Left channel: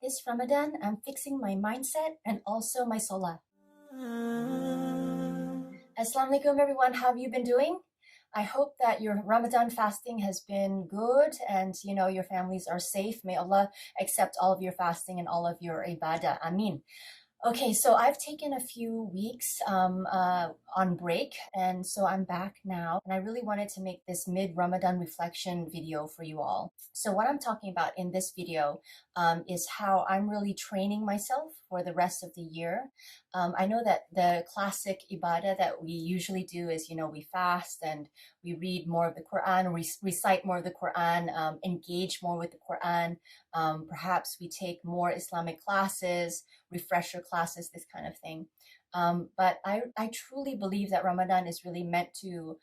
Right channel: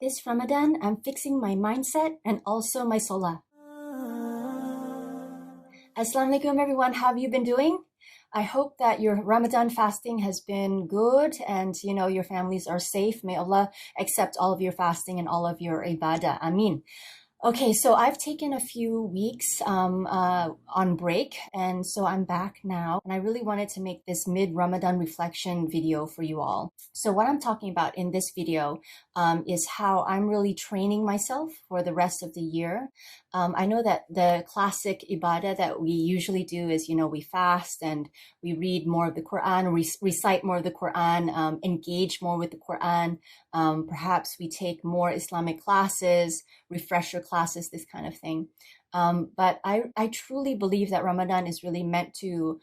This Ramadan, I'm fixing my mindset and also my solah. Assalamu alaikum everyone, how have you been doing? I hope that your Ramadan fasting has been good and your families are safe. May Allah accept all of your fasting and all of your ibadah. Aameen. Okay, so I've taken a few weeks on break, and so I'm back now. And I really wanted to make this mid-Ramadan reflection video for you all. So what I'm talking about in this video is how I'm really training myself for the rest of the year. I know that the classic ibadah that we usually do is, we fast and we read more of the Quran, recite more of the Quran, engage more with the Quran. Perhaps we take more Islamic classes, refresher classes, this kind of thing. But I truly believe that Ramadan is really meant to,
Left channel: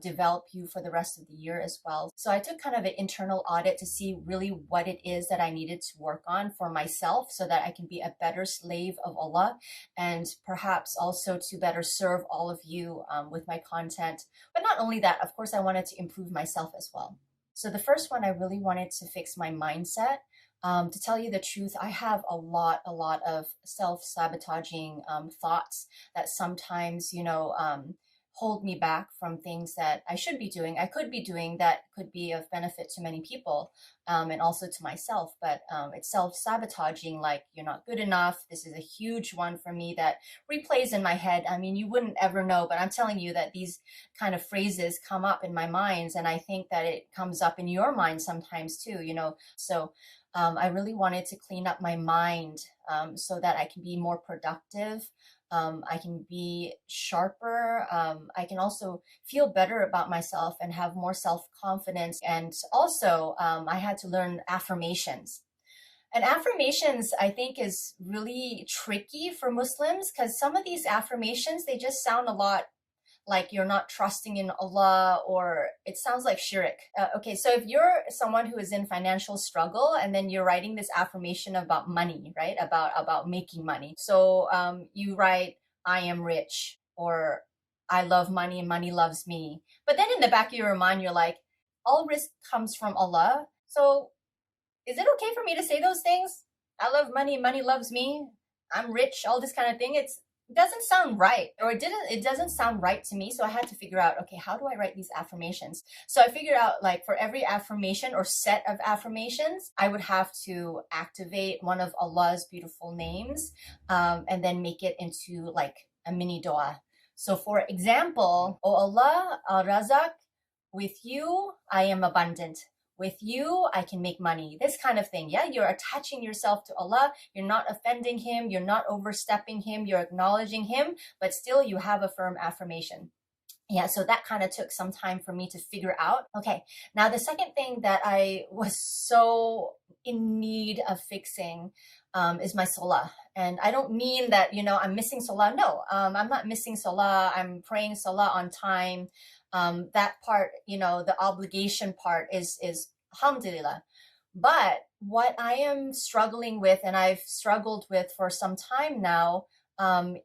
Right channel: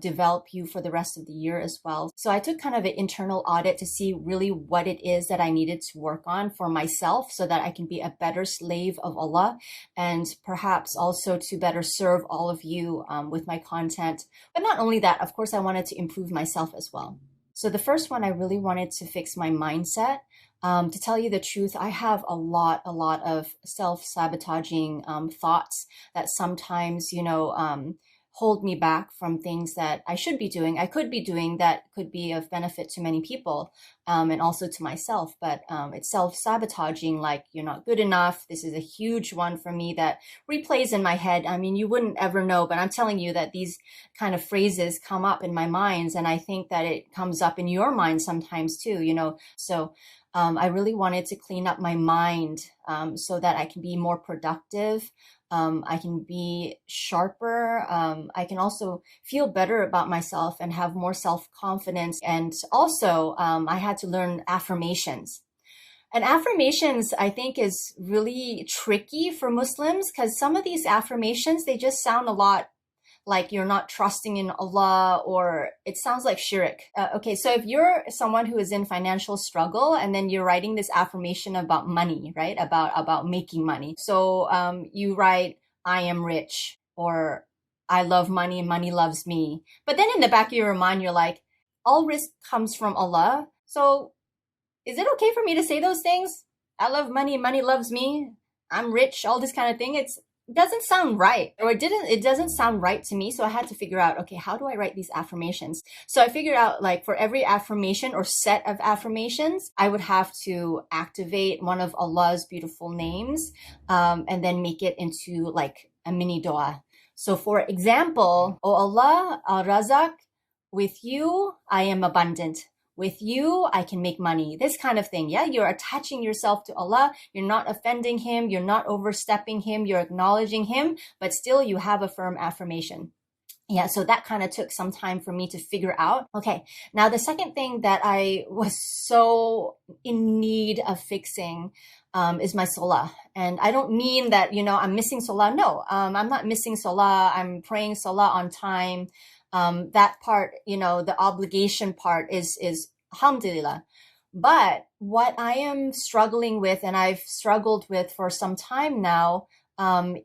develop you for the rest of the year as well. So I took kind of an internal audit to see really what it is that I needed to work on for myself so that I can be a better slave of Allah and perhaps also to better serve all of you with my content. But not only that, of course, I wanted to improve myself as well. So the first one, I really wanted to fix my mindset. To tell you the truth, I have a lot of self-sabotaging thoughts that sometimes, hold me back from things that I should be doing, I could be doing that could be of benefit to many people and also to myself. But it's self-sabotaging, like you're not good enough. This is a huge one for me that replays in my head. I mean, you wouldn't ever know, but I'm telling you that these kind of phrases come up in my mind, and I think that it comes up in your mind sometimes too, So I really wanted to clean up my mind so that I can be more productive. I can be sharper. I can also feel better about myself and have more self-confidence. And also, I had to learn affirmations. And affirmations, I think, is really tricky for Muslims because some of these affirmations, they just sound a lot like you're not trusting in Allah, or it sounds like shirk. Okay, so if you're someone who is in financial struggle and then you're writing this affirmation about money, right? About making money. So you write, I am rich, or I love money and money loves me. But then in the back of your mind, you're like, all risk comes from Allah. So is it okay for me to say those things? I love money, money loves me, I'm rich, all this kind of thing. It doesn't sound right, or it doesn't sound right to me. So I had to figure out, okay, how do I write these affirmations? So I figured out, like, for every affirmation or set of affirmations, I would have to activate one of Allah's beautiful names and then make it into like a mini dua. So for example, O Allah, Al-Razak, with you I am abundant. With you, I can make money. This kind of thing. Yeah, you're attaching yourself to Allah. You're not offending Him. You're not overstepping Him. You're acknowledging Him, but still you have a firm affirmation. Yeah, so that kind of took some time for me to figure out. Okay, now the second thing that I was so in need of fixing is my solah. And I don't mean that, I'm missing solah. No, I'm not missing solah. I'm praying solah on time. That part, the obligation part is Alhamdulillah. But what I am struggling with, and I've struggled with for some time now,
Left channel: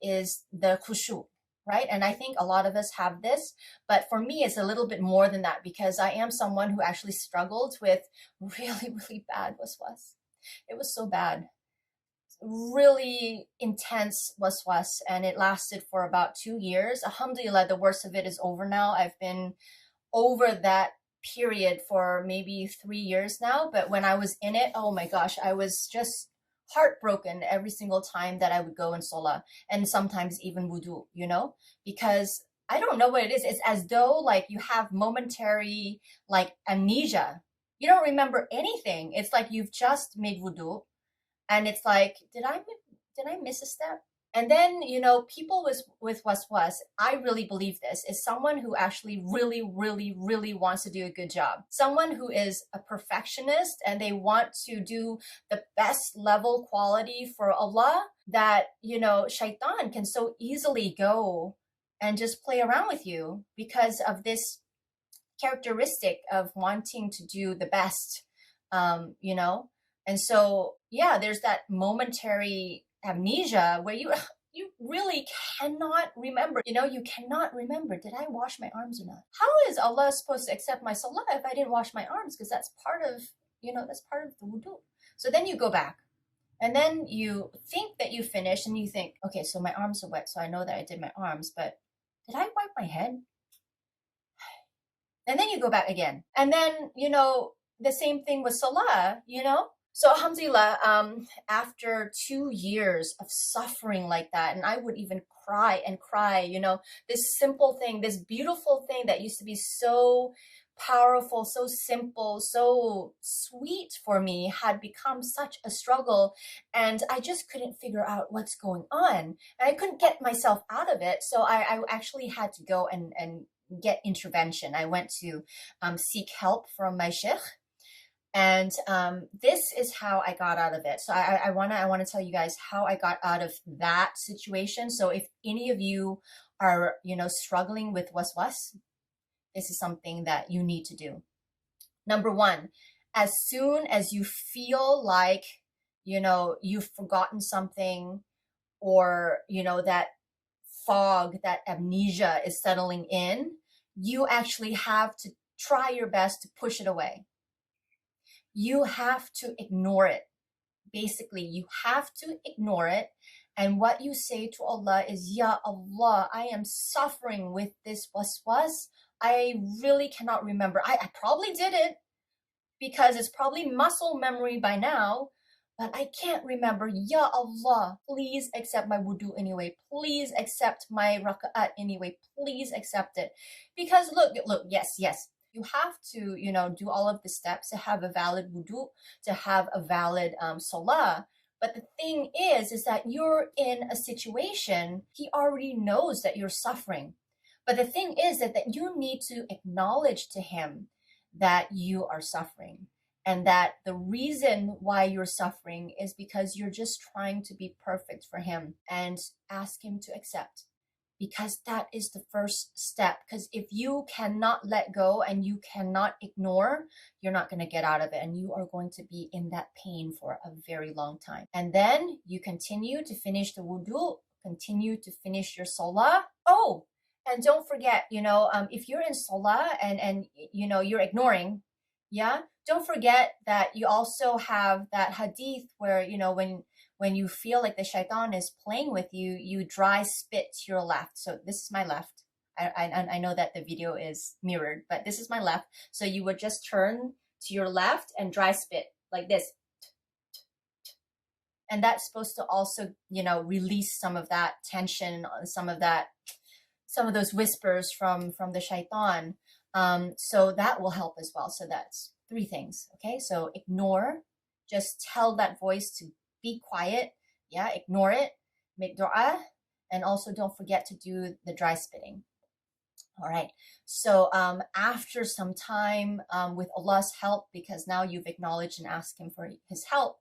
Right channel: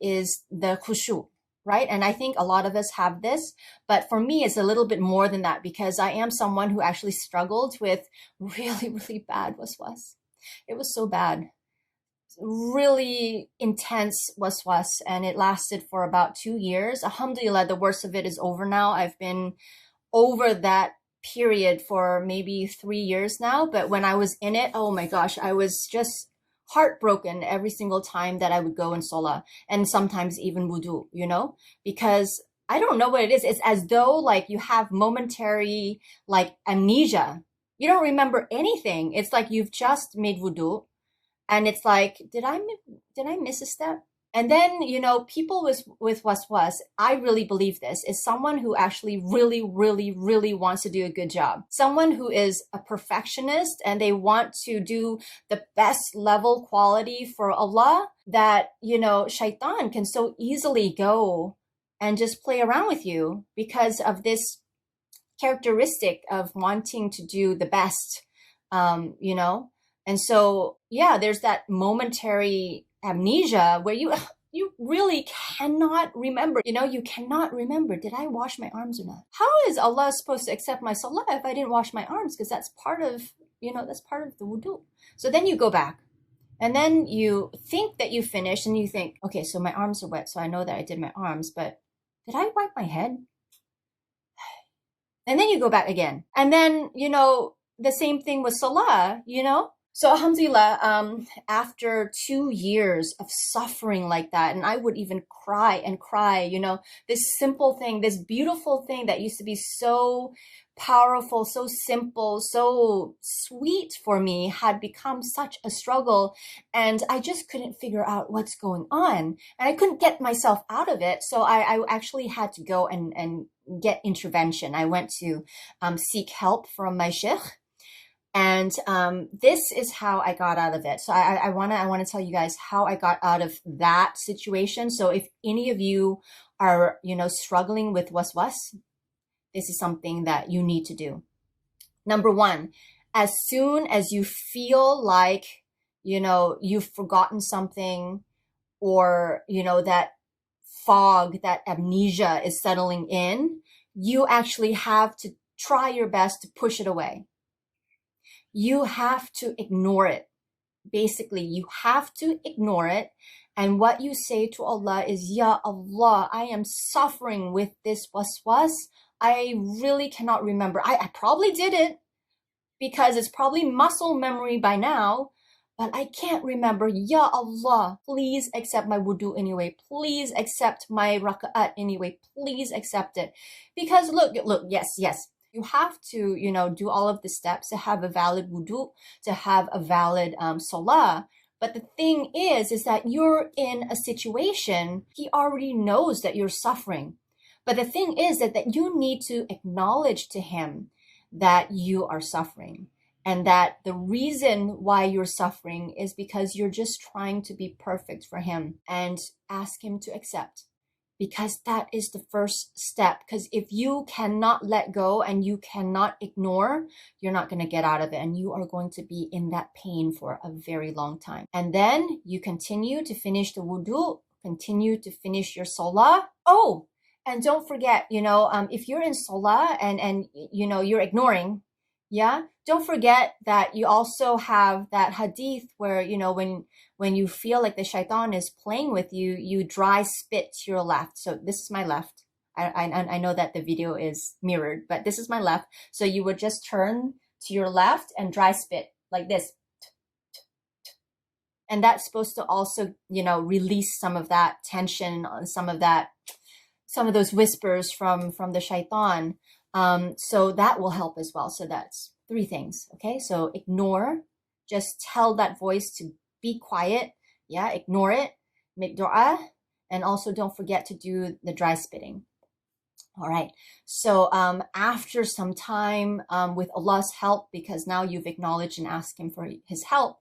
is the khushu, right? And I think a lot of us have this, but for me, it's a little bit more than that because I am someone who actually struggled with really bad waswas. It was so bad. Really intense waswas, and it lasted for about 2 years. Alhamdulillah, the worst of it is over now. I've been over that period for maybe 3 years now, but when I was in it, oh my gosh, I was just heartbroken every single time that I would go in solah, and sometimes even wudu, because I don't know what it is. It's as though like you have momentary like amnesia. You don't remember anything. It's like you've just made wudu, and it's like, did I miss a step? And then, people with waswas, I really believe this, is someone who actually really wants to do a good job. Someone who is a perfectionist and they want to do the best level quality for Allah, that, shaitan can so easily go and just play around with you because of this characteristic of wanting to do the best, And so, yeah, there's that momentary amnesia where you really cannot remember. You cannot remember, did I wash my arms or not? How is Allah supposed to accept my salah if I didn't wash my arms? Because that's part of that's part of the wudu. So then you go back. And then you think that you finished and you think, okay, so my arms are wet. So I know that I did my arms, but did I wipe my head? And then you go back again. And then, the same thing with Sola, So Alhamdulillah, after 2 years of suffering like that, and I would even cry and cry, this simple thing, this beautiful thing that used to be so powerful, so simple, so sweet for me had become such a struggle, and I just couldn't figure out what's going on, and I couldn't get myself out of it. So I actually had to go and get intervention. I went to seek help from my sheikh. And this is how I got out of it. So I want to tell you guys how I got out of that situation. So if any of you are, struggling with waswas, this is something that you need to do. Number one, as soon as you feel like, you've forgotten something, or, that fog, that amnesia is settling in, you actually have to try your best to push it away. You have to ignore it. Basically, you have to ignore it. And what you say to Allah is, Ya Allah, I am suffering with this waswas. I really cannot remember. I probably did it because it's probably muscle memory by now, but I can't remember. Ya Allah, please accept my wudu anyway. Please accept my raka'at anyway. Please accept it. Because look, yes. You have to, do all of the steps to have a valid wudu, to have a valid solah. But the thing is that you're in a situation, he already knows that you're suffering. But the thing is that you need to acknowledge to him that you are suffering, and that the reason why you're suffering is because you're just trying to be perfect for him, and ask him to accept. Because that is the first step. Because if you cannot let go and you cannot ignore, you're not going to get out of it. And you are going to be in that pain for a very long time. And then you continue to finish the wudu, continue to finish your solah. Oh, and don't forget, if you're in solah and you're ignoring, don't forget that you also have that hadith where, when you feel like the shaitan is playing with you, you dry spit to your left. So this is my left. I know that the video is mirrored, but this is my left. So you would just turn to your left and dry spit like this. And that's supposed to also, release some of that tension, some of those whispers from the shaitan. So that will help as well. So that's 3 things. Okay. So ignore, just tell that voice to be quiet. Ignore it, make dua, and also don't forget to do the dry spitting. All right. So after some time, with Allah's help, because now you've acknowledged and asked him for his help,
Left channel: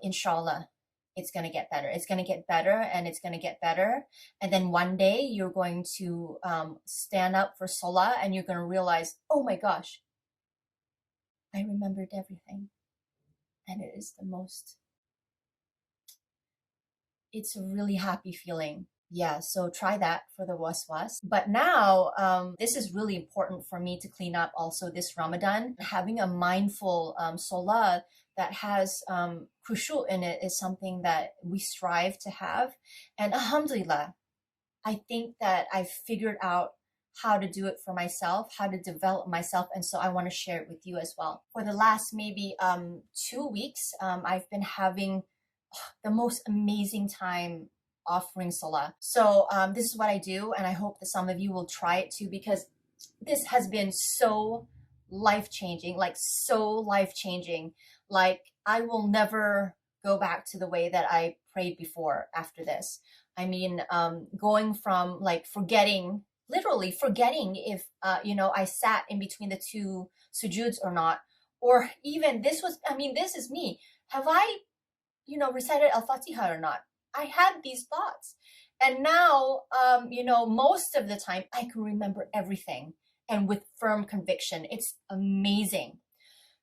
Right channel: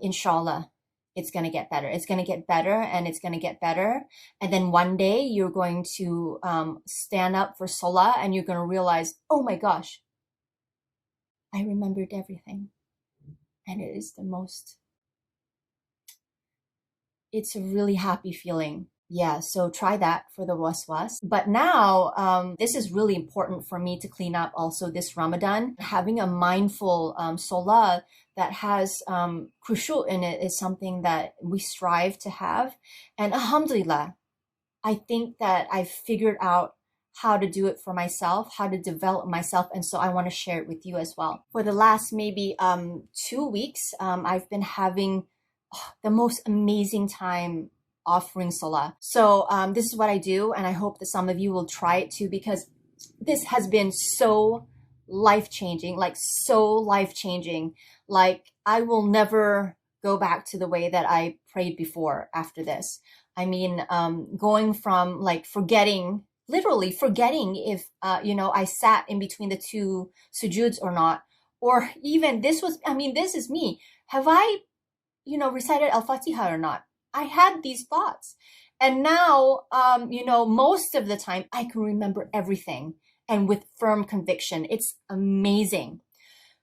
inshallah, it's going to get better. It's going to get better, and it's going to get better. And then one day you're going to stand up for Sola, and you're going to realize, oh my gosh, I remembered everything. And it is it's a really happy feeling. Yeah, so try that for the waswas. But now, this is really important for me to clean up also this Ramadan. Having a mindful solah that has khushu in it is something that we strive to have. And Alhamdulillah, I think that I've figured out how to do it for myself, how to develop myself. And so I want to share it with you as well. For the last maybe 2 weeks, I've been having the most amazing time offering solah. So this is what I do, and I hope that some of you will try it too, because this has been so life-changing, like I will never go back to the way that I prayed before after this. I mean, going from like literally forgetting if, I sat in between the 2 sujuds or not, or even this is me. Have I recited Al-Fatiha or not? I had these thoughts. And now, most of the time I can remember everything, and with firm conviction. It's amazing.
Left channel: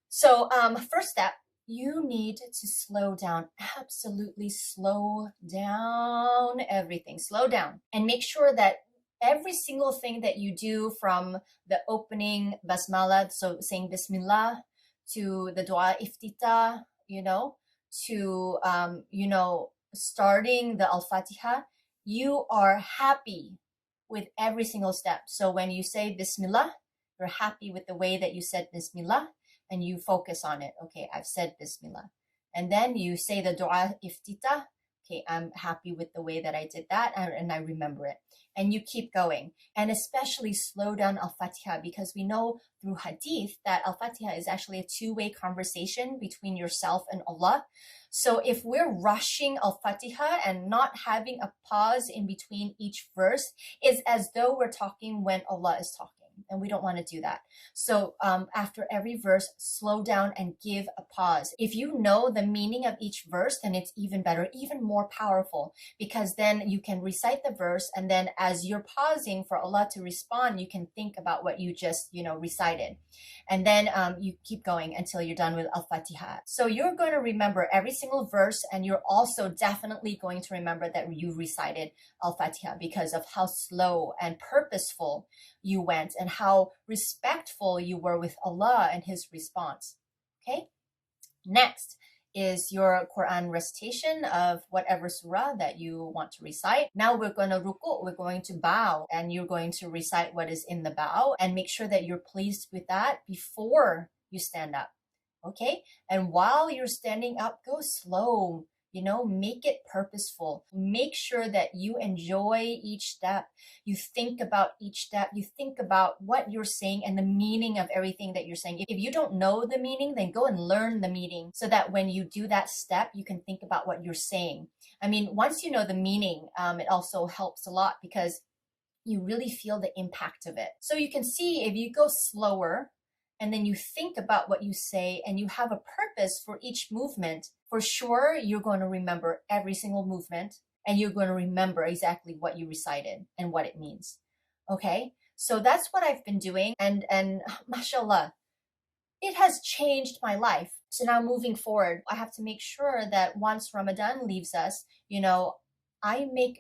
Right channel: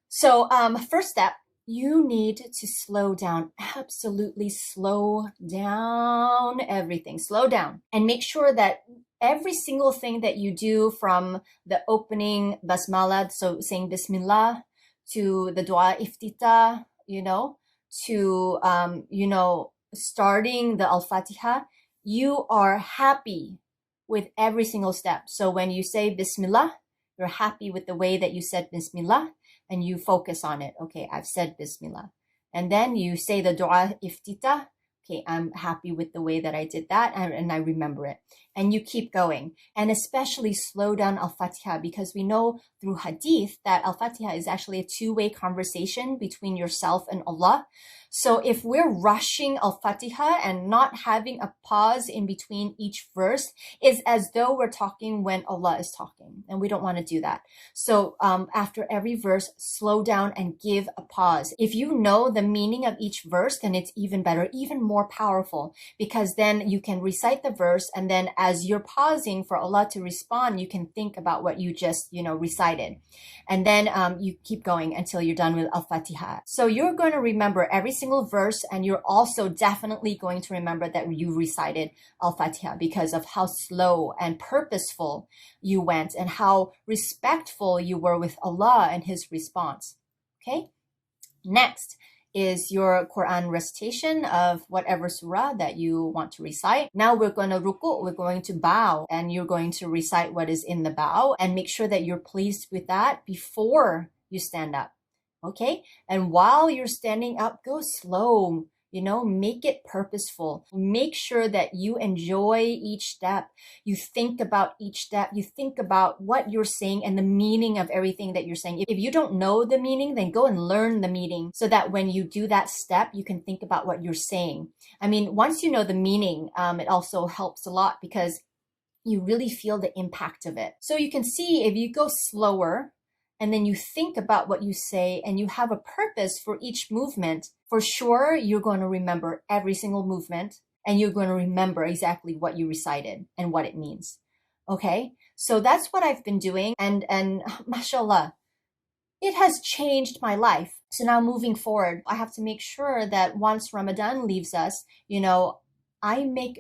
So first step, you need to slow down. Absolutely slow down everything. Slow down. And make sure that every single thing that you do, from the opening basmala, so saying Bismillah, to the dua iftitah, to, starting the Al-Fatiha, you are happy with every single step. So when you say Bismillah, you're happy with the way that you said Bismillah, and you focus on it. Okay, I've said Bismillah. And then you say the dua iftitah. Okay, I'm happy with the way that I did that, and I remember it. And you keep going. And especially slow down Al-Fatiha, because we know through hadith that Al-Fatiha is actually a two-way conversation between yourself and Allah. So if we're rushing Al-Fatiha and not having a pause in between each verse, it's as though we're talking when Allah is talking, and we don't want to do that. So after every verse, slow down and give a pause. If you know the meaning of each verse, then it's even better, even more powerful, because then you can recite the verse, and then as you're pausing for Allah to respond, you can think about what you just, recited. And then you keep going until you're done with Al-Fatiha. So you're going to remember every single verse, and you're also definitely going to remember that you recited Al-Fatiha because of how slow and purposeful you went and how respectful you were with Allah and His response. Okay? Next is your Quran recitation of whatever surah that you want to recite. Now we're going to ruku', we're going to bow, and you're going to recite what is in the bow, and make sure that you're pleased with that before you stand up. Okay? And while you're standing up, go slow. Make it purposeful. Make sure that you enjoy each step. You think about each step. You think about what you're saying and the meaning of everything that you're saying. If you don't know the meaning, then go and learn the meaning so that when you do that step, you can think about what you're saying. I mean, once you know the meaning, it also helps a lot because you really feel the impact of it. So you can see if you go slower, and then you think about what you say and you have a purpose for each movement, for sure, you're going to remember every single movement, and you're going to remember exactly what you recited and what it means. Okay? So that's what I've been doing. And mashallah, it has changed my life. So now moving forward, I have to make sure that once Ramadan leaves us, I make,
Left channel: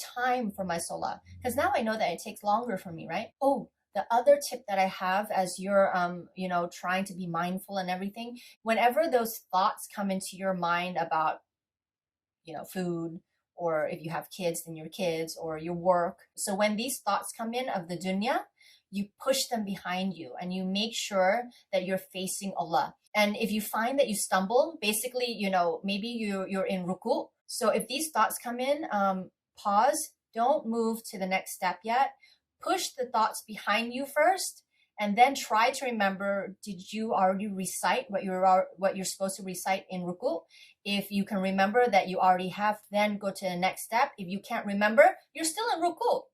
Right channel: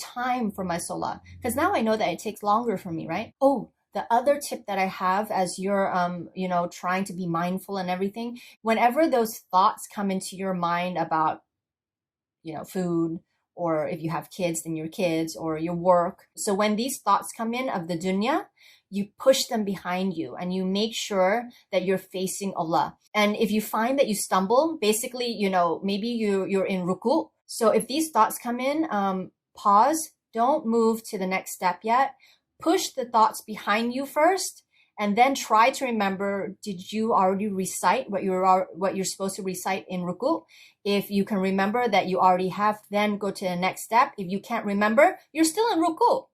time for my solah. Because now I know that it takes longer for me, right? Oh, the other tip that I have as you're, trying to be mindful and everything, whenever those thoughts come into your mind about, food, or if you have kids, then your kids, or your work. So when these thoughts come in of the dunya, you push them behind you and you make sure that you're facing Allah. And if you find that you stumble, basically, maybe you're in ruku'. So if these thoughts come in, pause, don't move to the next step yet. Push the thoughts behind you first, and then try to remember, did you already recite what you're supposed to recite in ruku'? If you can remember that you already have, then go to the next step. If you can't remember, you're still in ruku',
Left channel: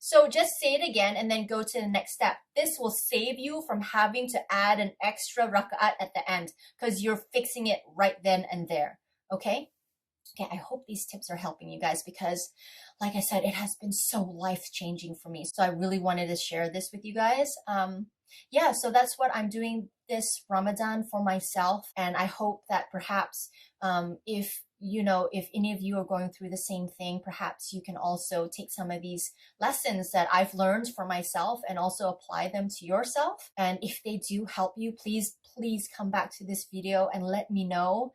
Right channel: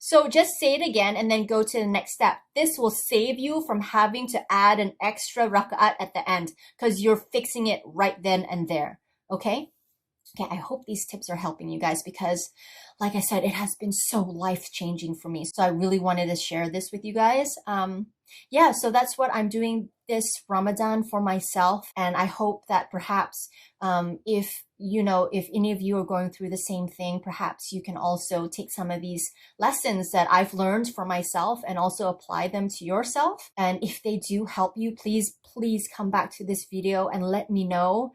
So just say it again and then go to the next step. This will save you from having to add an extra rak'at at the end because you're fixing it right then and there, okay? Okay, I hope these tips are helping you guys because, like I said, it has been so life-changing for me. So I really wanted to share this with you guys. So that's what I'm doing this Ramadan for myself. And I hope that perhaps if any of you are going through the same thing, perhaps you can also take some of these lessons that I've learned for myself and also apply them to yourself. And if they do help you, please come back to this video and let me know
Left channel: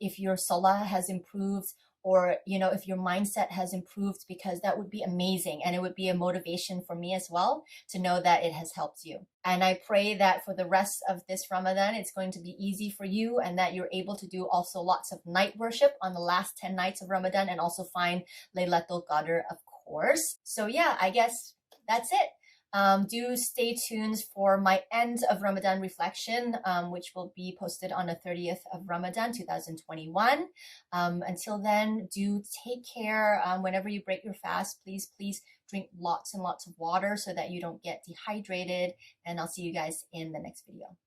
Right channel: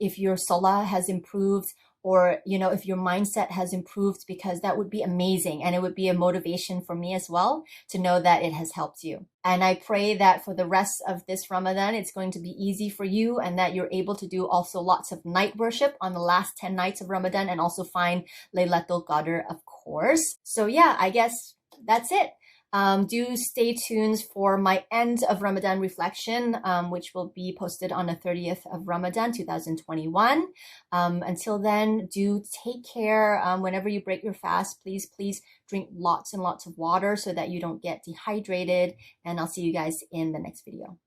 if your solah has improved, or if your mindset has improved, because that would be amazing, and it would be a motivation for me as well to know that it has helped you. And I pray that for the rest of this Ramadan, it's going to be easy for you, and that you're able to do also lots of night worship on the last 10 nights of Ramadan, and also find Laylatul Qadr, of course. So yeah, I guess that's it. Do stay tuned for my end of Ramadan reflection, which will be posted on the 30th of Ramadan 2021. Until then, do take care. Whenever you break your fast, please drink lots and lots of water so that you don't get dehydrated. And I'll see you guys in the next video.